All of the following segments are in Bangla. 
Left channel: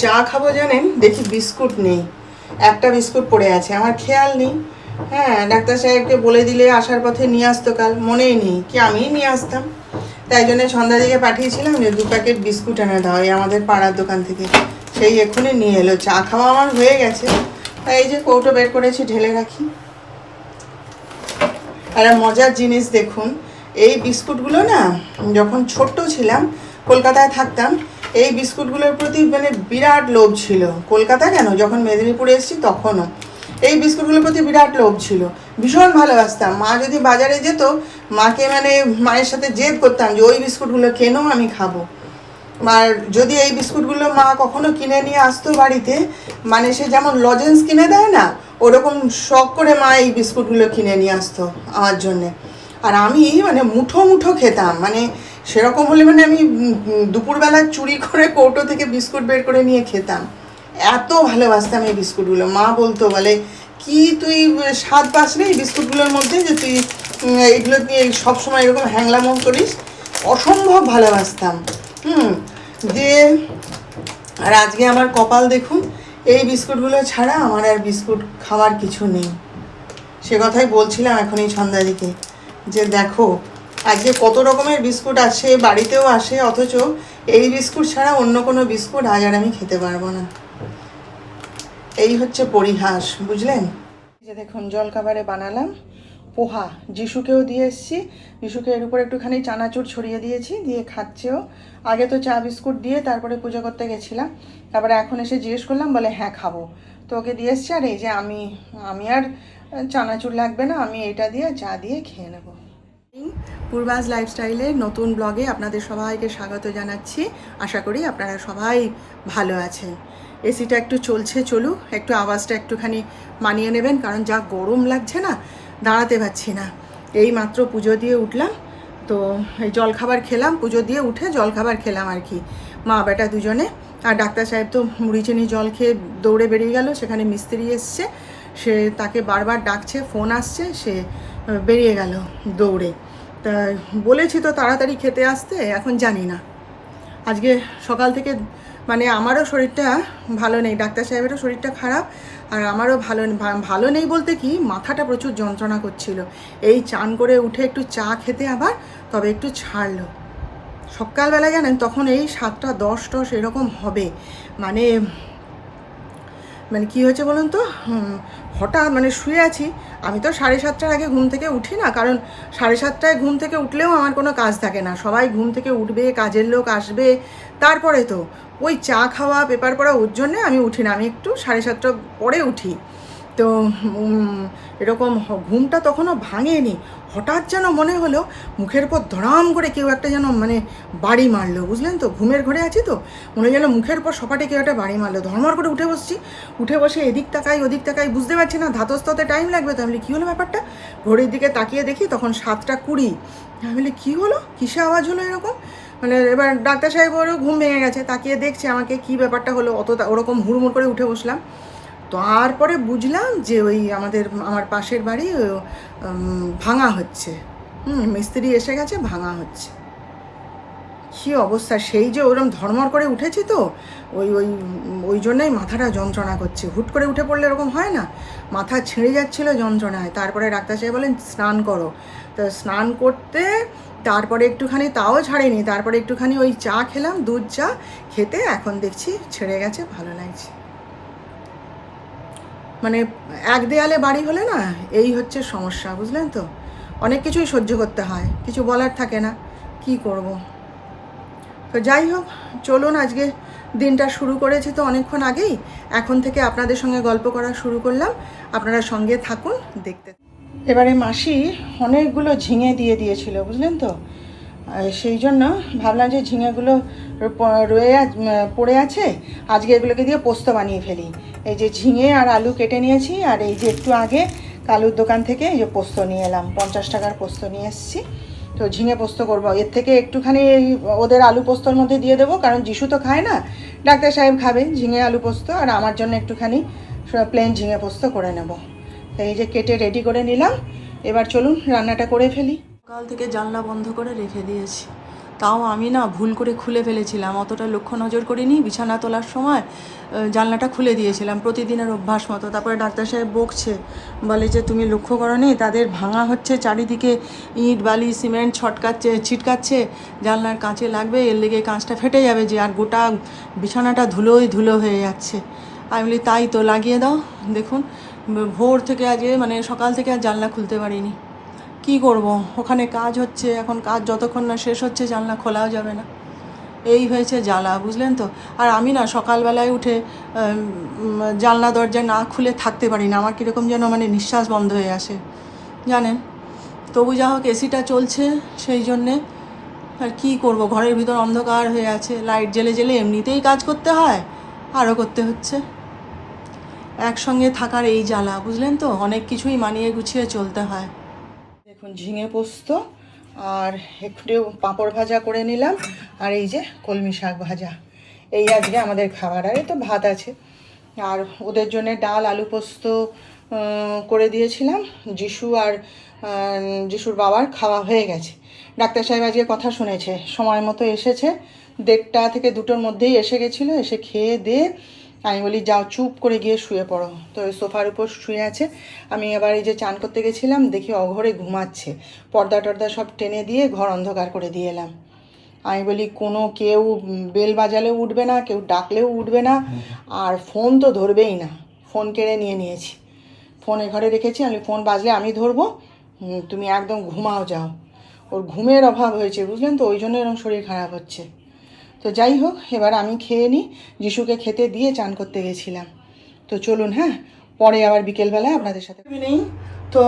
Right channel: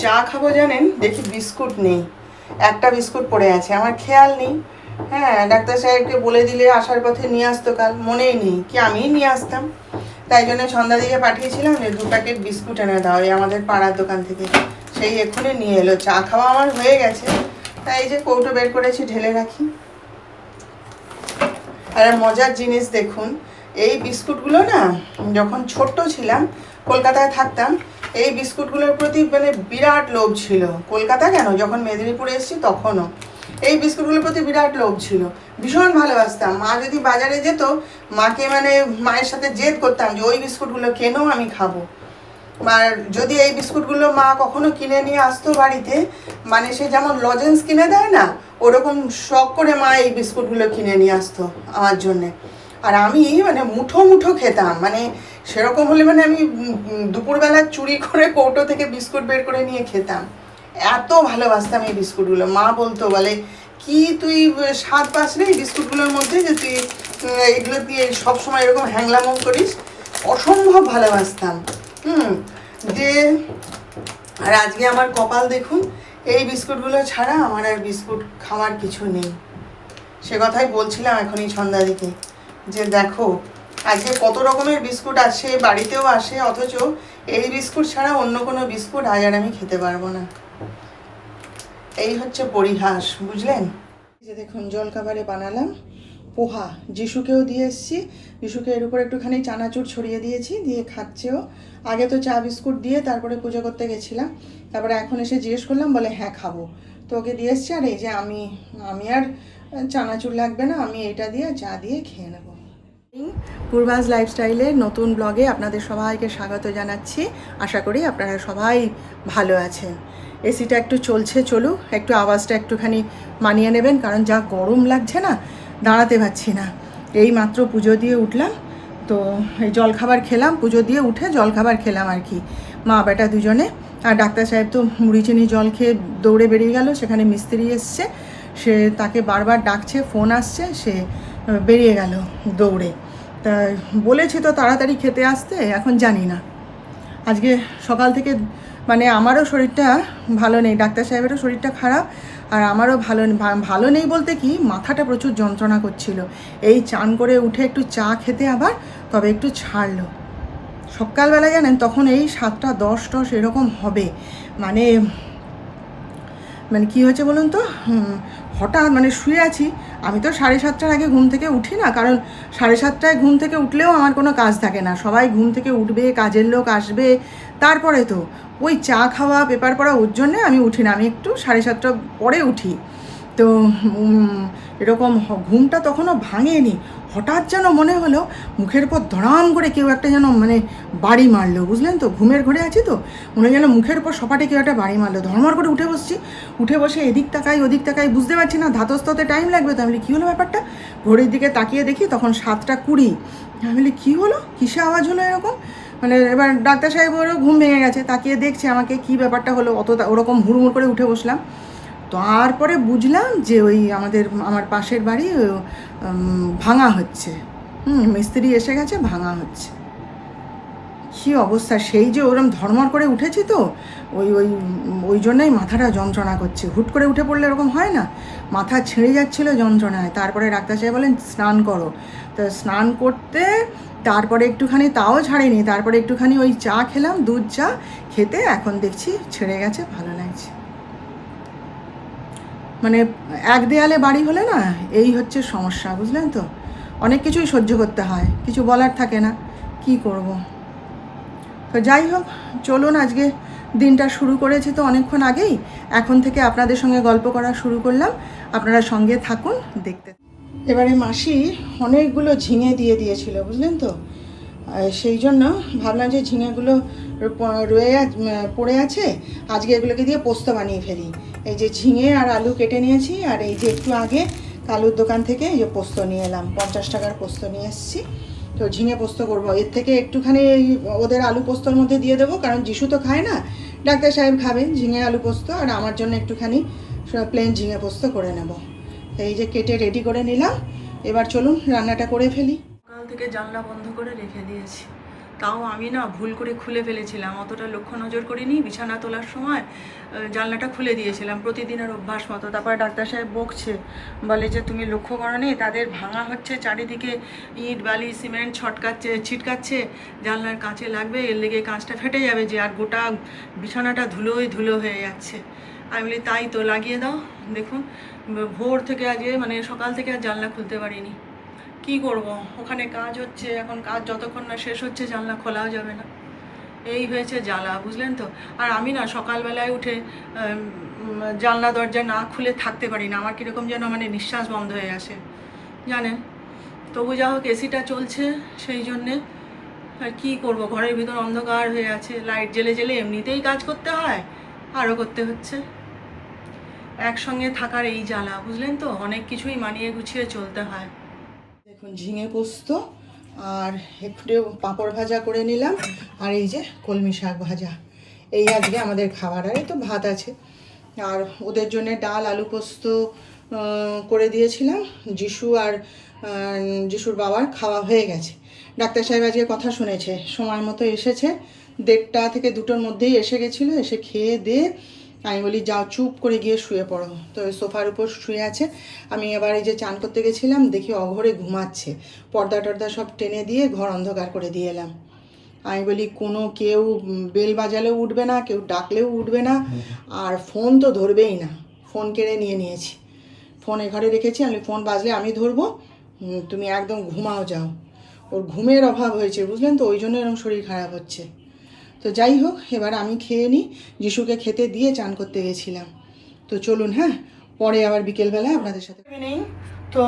চা খাবো জানেন, দেখি বিস্কুট নেই, একটা বিস্কুট পড়ে আছে, আমার খেয়াল নেই। হ্যাঁ, ডাক্তার সাহেবকে বলে দিলে আসার পথে নিয়ে আসতো, কাল মনেই নেই কি আমিই নিয়ে আসতাম। তাই জন্য সন্ধ্যাদিকে পাঠিয়েছিলাম যে 2 প্যাকেট বিস্কুট এনে দাও এই আমাদের পাড়ার দোকান থেকে। সেই এখনই নিয়ে এলো। চা খাওয়া আমার হয়ে গেছে, তাই এই যে কৌটো বের করেছি, ঢেলে রাখি। আর মজার জিনিস দেখুন, এই বিস্কুটগুলো না, যখন ছোট্ট ছিলাম কলকাতায় থাকতাম, এই বিস্কুটগুলোর প্রতি মানে বিরাট লোভ ছিল। কলকাতা কেন, যখন মেদিনীপুরে এসেছি তখনও এই বিস্কুটগুলোর প্রতি বিরাট লোভ ছিল, ভীষণ ভালোবাসতাম। মা যদি বাজারে যেত, মাকে মানে মায়ের সাথে জেদ করতাম যে ওই বিস্কুটগুলো কেন, আমি খাবো। আর যদি এই বিস্কুটগুলো মা কখনো কিনে নিয়ে আসতো বাড়িতে, মানে সে যেমন লজেন্স কিনে দেয় না, ওরকম শখ করে মা এই বিস্কুটগুলো কিনে নিয়ে আসতো আমার জন্যে। আর আমি মানে মুঠো মুঠো খেতাম, মানে সেরকম হলে মানে আমি দুপুরবেলা চুরি করে কৌটো থেকে বিস্কুট বের করে নিয়ে খেতাম। এত ভালোবাসতাম এই বিস্কুটগুলো। মা বলতো, বলে কি তুই স্বাদ পাস রে এই বিস্কুটগুলোর মধ্যে, যে তুই এগুলো দিয়ে সবসময় এরকম হ্যাংলামো করিস। অসম্ভব ভালোবাসতাম। যে আর আজকে আমার কপাল দেখুন, এই বিস্কুটগুলো ছাড়া আমার আর বিস্কুট খাওয়ার কিছু নেই। সে কথাই বলছিলাম এখনই সন্ধ্যাদিকে, যে দেখো আজকে কত রকমের বিস্কুট আছে, বাড়িতেও আসে, অথচ এই বিস্কুট ছাড়া অন্য কোনো বিস্কুট আজ আর আমি খেতে পারবো না। এই হচ্ছে পরিহাস, বুঝলেন। যে দেখুন জলখাবারে বানালাম পোহা, যিশুকেও দিয়ে এসেছি। যিশুকে এর উপর একটুখানি চানাচুর ছড়িয়ে দিয়েছি, দিয়ে খাচ্ছেও। আগে তো চা বিস্কুট দিয়ে তারপরে পুজো করতে গেছিলাম, তারপরে এখন এসে জিজ্ঞেস করলাম, বলে হ্যাঁ খাবো, তো ওকে দিয়ে এসছি। আর এই যে আমি আর চানাচুর লাগবে না, আমি এটা দিয়ে চা দিয়ে খেয়ে নেবো। পূর্বাস লাইফস্টাইলের নতুন ব্লগে আপনাদের সবাইকে স্বাগত জানাচ্ছি। আশা করি আপনারা সবাই ভালো আছেন। এসিটা একটু চলছে, চলুক, একটু আওয়াজটা একটুখানি মানিয়ে নেবেন, কারণ যা গরম লাগছে না, দাঁড়াতে পারছি না। এই মাত্র পুজো দিয়ে উঠলাম, তো এই জলখাবার খেলাম, পুজো দিয়ে উঠে জলখাবার খেলাম আর কি, মা বেটা দুজনে। আর ডাক্তার সাহেব তো মুড়ি চিনি জল খেয়ে দৌড়ে বেরিয়ে গেল, সেখানে মিস্ত্রি এসছে, সে তাকে বারবার ডাকছে, ফোন আসছে, সে বেরিয়ে গেল দৌড়ে। তা বলেছি তো তাড়াতাড়ি খেতে আসতে, এখন জানি না। আজকে সকাল থেকে মানে আমারও শরীরটা ভালো নেই, ডাক্তার সাহেবেরও শরীরটা খারাপ, আর আমারও ভালো নেই বলতে কি, মাথাটা প্রচুর যন্ত্রণা করছিল। এই চান করে উঠে একটু চা খেতে আবার তবে একটু ছাড়লো। সকালবেলা জানেন তখন এই 7টা 10 এরকম হবে, মানে কী হয়েছে বলুন তো, হঠাৎ মানে শুয়ে আছি। আমি তো 7:30টার আগে ঘুম থেকে উঠি না, কারণ 7:30টায় ঘুম থেকে উঠলেও আমার কোনো কাজ থাকে না, সবাই ঘুম থেকে উঠবে, কাজের লোক আসবে, তারপরে তো ওই চা খাওয়া পেপার পড়া, ওর জন্যে আমি উঠি না, আমি একটু 7:30টার পরে উঠি। তো এরকম ঘুমটা তখনও ভাঙেনি, হঠাৎ যেন মনে হলো মুখের উপর ধড়াম করে কেউ একটা যেন মানে বাড়ি মারলো, বুঝলেন তো। ঘুমের ঘরে আছি তো, মনে হয় যেন মুখের উপর সপাটে কেউ একটা বাড়ি মারলো। ধর্মর করে উঠে বসছি, উঠে বসে এদিক তাকাই ওদিক তাকাই, বুঝতে পারছি না, ধাতস্থতে টাইম লাগবে। তো আমি বলি কী হলো ব্যাপারটা, ঘড়ির দিকে তাকিয়ে দেখি তখন 7:20। আমি বলি কী হলো, কিসে আওয়াজ হলো এরকম, মানে এবার ডাক্তার সাহেবেরও ঘুম ভেঙে গেছে, তাকিয়ে দেখছে আমাকে, কী ব্যাপারটা হলো, ওরকম হুড়মুড় করে উঠে বসলাম। তারপরে বুঝলাম যে ওই আমার পাশের বাড়ি ভাঙা হচ্ছে, মিস্ত্রি এসে গেছে, ভাঙা হচ্ছে। কী অবস্থা, সেই যে ওরম ধর্মর করে উঠেছি তো, ওই ওই ওই জন্যই মাথাটা যন্ত্রণা করছে। হুট করে উঠে পড়লে এরকম হয় না, মাথা ছিঁড়ে যাচ্ছিলো যন্ত্রণায়। তারপরে ডাক্তার সাহেব বলেন স্নান করো, তো স্নান করতে তারপরে একটুখানি, তাও ছাড়েনি, তারপরে একটুখানি ওই চা খেলাম, দুধ চা খেতে এখন দেখছি ছেড়ে গেছে, ভালো লাগছে। মানে এক দেয়ালে বাড়ি হলে না, এই হচ্ছে সমস্যা, বুঝলেন তো। অনেক কিছুই সহ্য করতে হয়, কিছু বলার থাকে না, কি করব। তো যাই হোক, চলুন আজকে দিনটা শুরু করেছি তো অনেকক্ষণ আগেই, এখন থেকে আপনাদের সঙ্গে গল্প করা শুরু করলাম, আপনারা সঙ্গে থাকুন দেখতে। এবারে মাসি অনেকগুলো ঝিঙে দিয়ে দিয়েছিল, বুঝলেন তো। সেই জন্য ভাবলাম যে ঝিঙেগুলো পড়ে আছে, আজকে এগুলোকে দিয়ে পোস্ত বানিয়ে ফেলি। এই যে ঝিঙে আর আলু কেটে নিয়েছি, আর এই যে একটু আগে কালুর দোকান থেকে এই যে পোস্ত নিয়ে এলাম, 50 টাকার পোস্ত নিয়ে এসেছি। তো ঝিঙে পোস্ত করবো, এর থেকে একটুখানি ওদের আলু পোস্তর মধ্যে দিয়ে দেবো, কারণ যিশু তো খায় না, ডাক্তার সাহেব খাবে ঝিঙে আলু পোস্ত, আর আমার জন্য একটুখানি প্লেন ঝিঙে পোস্ত করে নেব। এই যে কেটে রেডি করে নিলাম, এবার চলুন রান্নাটা করে ফেলি। সকাল থেকে জানলা বন্ধ করে রেখে দিয়েছি, তাও আমি না ভুল করে খুলে ফেলেছিলাম, অতটা লক্ষ্য নজর করিনি, বিছানা তোলার সময় জানলাটা খুলে দিয়েছিলাম প্রতিদিনের অভ্যাস মতো। তারপরে ডাক্তার সাহেব বকছে, বলে যে তুমি লক্ষ্য করোনি তাদের ভাঙা হচ্ছে, চারিদিকে ইট বালি সিমেন্ট ছিটকাচ্ছে, জানলার কাঁচে লাগবে, এর লেগে কাঁচটা ফেটে যাবে যে, আর গোটা বিছানাটা ধুলোই ধুলো হয়ে যাচ্ছে। আমি বলি তাই তো, লাগিয়ে দাও। দেখুন ভোর থেকে আজকে মানে সকাল থেকে আর জানলা খুলতে পারিনি। কি করব, ওখানে কাজ হচ্ছে, এখন কাজ যতক্ষণ না শেষ হচ্ছে জানলা খোলাও যাবে না। এই হয়েছে জ্বালা, বুঝলেন তো। আর আমি না সকালবেলায় উঠে জানলা দরজা না খুলে থাকতে পারি না, আমার কীরকম যেন মানে নিঃশ্বাস বন্ধ হয়ে আসে জানেন। তবু যা হোক এসিটা চলছে, সেই জন্যে আর কী করব, ঘরের ভিতর অন্ধকার হয়ে আছে, লাইট জ্বেলে জ্বেলে এমনিতেই কাজ করতে হয়, আরও করতে হচ্ছে। একসঙ্গে থাকার এই জ্বালা, বুঝলেন তো, অনেক কিছুই মানিয়ে গুছিয়ে চলতে হয়। দেখুন ঝিঙে পোস্ত আর একটু পাঁপড় ভাজা করে নিলাম, আর এই যে কলমি শাক ভাজা, এই আজকে আমাদের খাবার। আর এই তো ভাত আছে, আর ওদের জন্য ডাল আলু পোস্ত করে দিয়েছিলাম। যিশু আর যিশুর বাবার খাওয়া হয়ে গেছে। ডাক্তার সাহেব আজকে কথা শুনেছে, সময় মতো এসেছে, 1:30 থেকে 2টোর মধ্যেই এসে গেছিলো। এসে খেয়ে দিয়ে আমি বলি যাও চুপ করে গিয়ে শুয়ে পড়ো, তো ওই সোফার উপর শুয়ে আছে। আমি এবার এই যে চান করতে গেছিলাম, দেখি অঘরে ঘুমাচ্ছে, পর্দা টর্দা সব টেনে দিয়ে ঘর অন্ধকার করে দিয়ে এলাম। আমি বলি কেউ বেল বাজালেও উঠবে না, কেউ ডাকলেও উঠবে না, আর ফোন তো ধরবেই না, ফোন কেড়ে নিয়েছি। ফোন এ ঘরে রেখেছি, আমি ফোন বাজলে আমি ধরবো, তুমি একদম ঘুমাও যাও। ওর ঘুমের অভাব হয়েছে, বুঝলেন তো, ওই জন্য এরকম শরীর খারাপ হচ্ছে। তো যাই হোক, এবার আমি খেয়ে নিই, যিশুকে খেতে দিয়ে চান করতে গেছিলাম। তো চলুন, হ্যাঁ, পরে আবার বিকেলবেলায় আপনাদের সাথে নেই। তো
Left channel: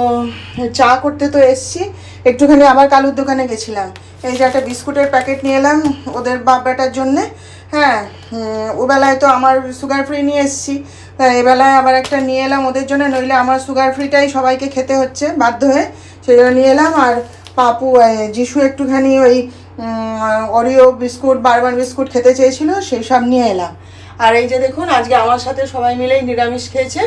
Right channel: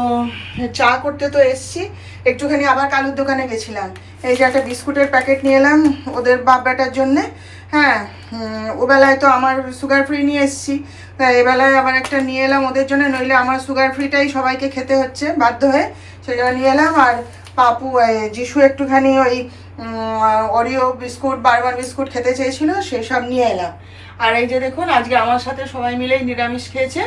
চা করতে তো এসছি, একটুখানি আবার কালুর দোকানে গেছিলাম। এই যে একটা বিস্কুটের প্যাকেট নিয়ে এলাম ওদের বাপ বেটার জন্যে। হ্যাঁ, ওবেলায় তো আমার সুগার ফ্রি নিয়ে এসছি, তাই এবেলায় আবার একটা নিয়ে এলাম ওদের জন্য, নইলে আমার সুগার ফ্রিটাই সবাইকে খেতে হচ্ছে বাধ্য হয়ে, সেই জন্য নিয়ে এলাম। আর পাপু যিশু একটুখানি ওই অরিও বিস্কুট বারবার বিস্কুট খেতে চেয়েছিল, সেই সব নিয়ে এলাম। আর এই যে দেখুন আজকে আমার সাথে সবাই মিলেই নিরামিষ খেয়েছে।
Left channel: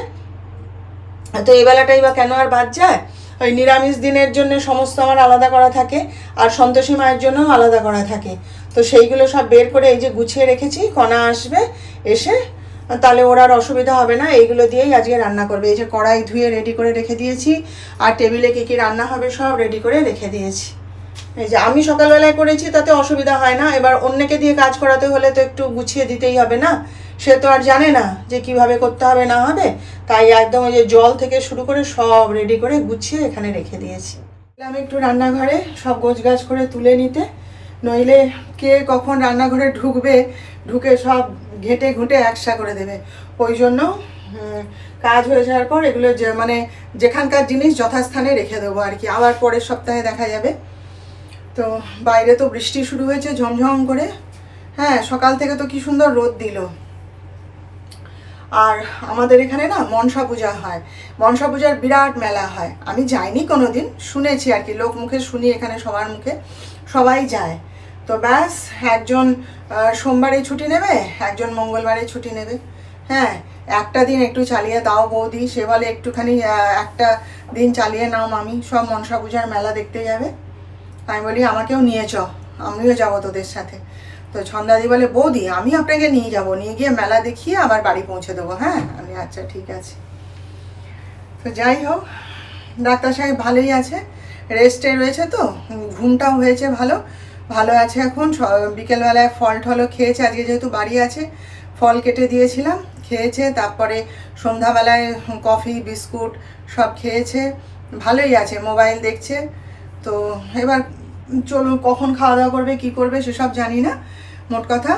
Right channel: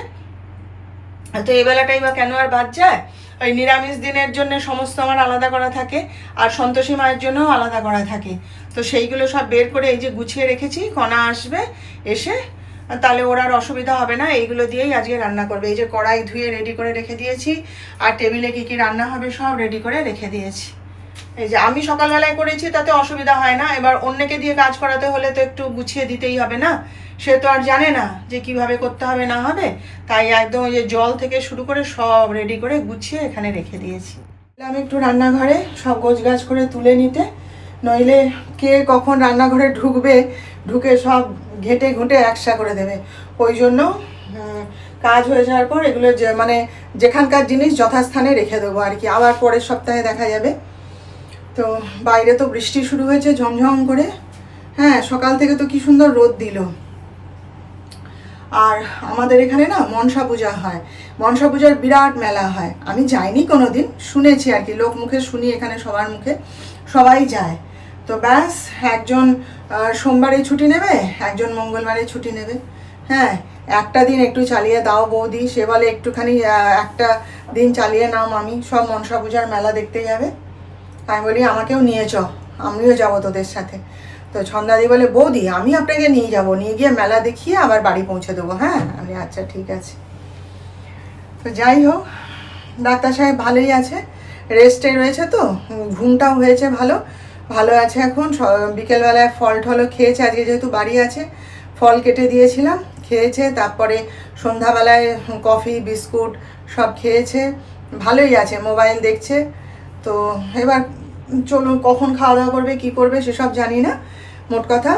তো এই বেলাটাই বা কেন আর বাদ যায়, ওই নিরামিষ দিনের জন্য সমস্ত আমার আলাদা করা থাকে, আর সন্তোষী মায়ের জন্যও আলাদা করা থাকে। তো সেইগুলো সব বের করে এই যে গুছিয়ে রেখেছি, কণা আসবে এসে, তাহলে ওর আর অসুবিধা হবে না, এইগুলো দিয়েই আজকে রান্না করবে। এই যে কড়াই ধুয়ে রেডি করে রেখে দিয়েছি, আর টেবিলে কী কী রান্না হবে সব রেডি করে রেখে দিয়েছি। এই যে আমি সকালবেলায় করেছি, তাতে অসুবিধা হয় না, এবার অন্যকে দিয়ে কাজ করাতে হলে তো একটু গুছিয়ে দিতেই হবে না, সে তো আর জানে না যে কিভাবে করতে হবে না হবে। তাই একদম ওই যে জল থেকে শুরু করে সব রেডি করে গুছিয়ে এখানে রেখে দিয়েছি। আমি একটু রান্নাঘরে সব গোছগাছ করে তুলে নিতে, নইলে কে কখন রান্নাঘরে ঢুকবে, ঢুকে সব ঘেঁটে ঘুঁটে একসা করে দেবে। ওই জন্য কাজ হয়ে যাওয়ার পর এগুলো মানে যেখানকার জিনিস যথাস্থানে রেখে দেবো আর কি, আবার পরের সপ্তাহে দেখা যাবে। তো বাইরে তো বৃষ্টি শুরু হয়েছে ঝমঝম করে, হ্যাঁ, সকাল থেকে তো কি সুন্দর রোদ দিল। আর আমাদের এখানে না মনসা পূজা হয়, মনসা পূজার বিরাট মেলা হয়। আমি যাইনি কোনো দিন, শুনেছি আর কি, লোক মুখে শুনি, এখানে সবার মুখে সবাই যায়। তো ব্যাস, একজন সোমবারে ছুটি নেবে, একজন মঙ্গলবারে ছুটি নেবে। হ্যাঁ, একটা দিন একটু চালিয়ে দাও বৌদি, সে বলে একটুখানি একটা দিন চালিয়ে নাও মামি, সব মনসা পূজার মেলা দেখতে যাবে। আমি বলি আমাকেও নিয়ে চ, আমিও যাবো তোদের সাথে। তো ছন্দাদি বলে বৌদি আমি আপনাকে নিয়ে যাব, নিয়ে গিয়ে মেলা দেখিয়ে আবার বাড়ি পৌঁছে দেবো। হ্যাঁ, আমি আচ্ছা ঠিক আছে। তো যাই হোক, ডাক্তার সাহেব ভালোই আছে, রেস্টে রয়েছে, তো ঘুমটাও হয়েছে ভালো, ভালো আছে এখন। বিকেলবেলায় ফল টলও খেয়েছে, আজকে যেহেতু বাড়ি আছে ফল কেটে দিয়েছিলাম, খেয়েছে। তারপরে সন্ধ্যাবেলায় কফি বিস্কুট সব খেয়েছে, ভালোই আছে, মোবাইল দেখছে। তো এবার চলুন, কখন খাওয়া দাওয়া করবে কী করবে সেসব জানি না। মোট কথা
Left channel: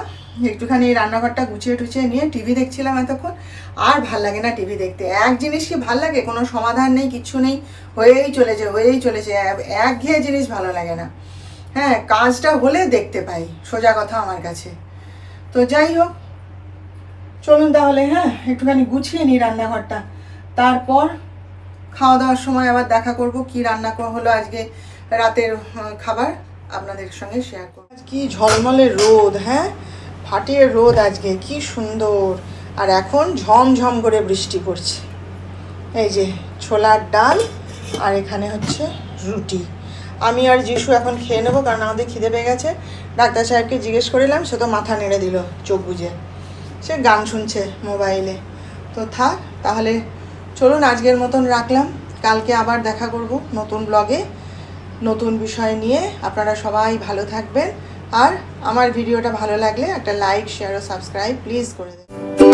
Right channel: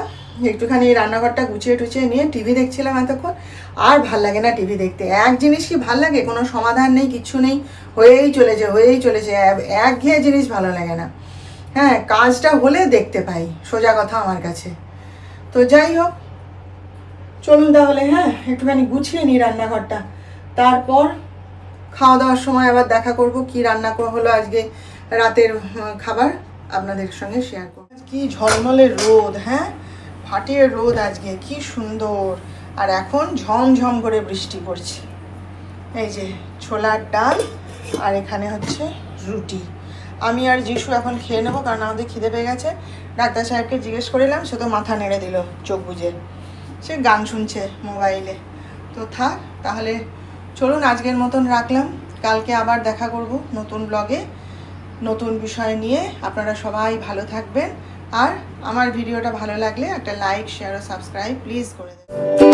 একটুখানি রান্নাঘরটা গুছিয়ে টুছিয়ে নিয়ে টিভি দেখছিলাম এতক্ষণ। আর ভাল লাগে না টিভি দেখতে, এক জিনিসই ভাল লাগে, কোনো সমাধান নেই, কিচ্ছু নেই, হয়েই চলেছে, একঘেয়ে জিনিস ভালো লাগে না। হ্যাঁ, কাজটা হলে দেখতে পাই, সোজা কথা আমার কাছে। তো যাই হোক, চলুন তাহলে, হ্যাঁ, একটুখানি গুছিয়ে নিই রান্নাঘরটা, তারপর খাওয়া দাওয়ার সময় আবার দেখা করব কি রান্না হলো আজকে রাতের খাবার আপনাদের সঙ্গে শেয়ার করব। কি ঝলমলে রোদ, হ্যাঁ, ফাটিয়ে রোদ আজকে, কি সুন্দর। আর এখন ঝমঝম করে বৃষ্টি পড়ছে। এই যে ছোলার ডাল, আর এখানে হচ্ছে রুটি। আমি আর যিশু এখন খেয়ে নেবো, কারণ আমাদের খিদে পেয়ে গেছে। ডাক্তার সাহেবকে জিজ্ঞেস করিলাম, সে তো মাথা নেড়ে দিল চোখ বুজে, সে গান শুনছে মোবাইলে। তো থাক তাহলে, চলুন আজকের মতন রাখলাম। কালকে আবার দেখা করব নতুন ব্লগে, নতুন বিষয় নিয়ে। আপনারা সবাই ভালো থাকবেন, আর আমার ভিডিওটা ভালো লাগলে একটা লাইক, শেয়ার ও সাবস্ক্রাইব প্লিজ করে দেবেন।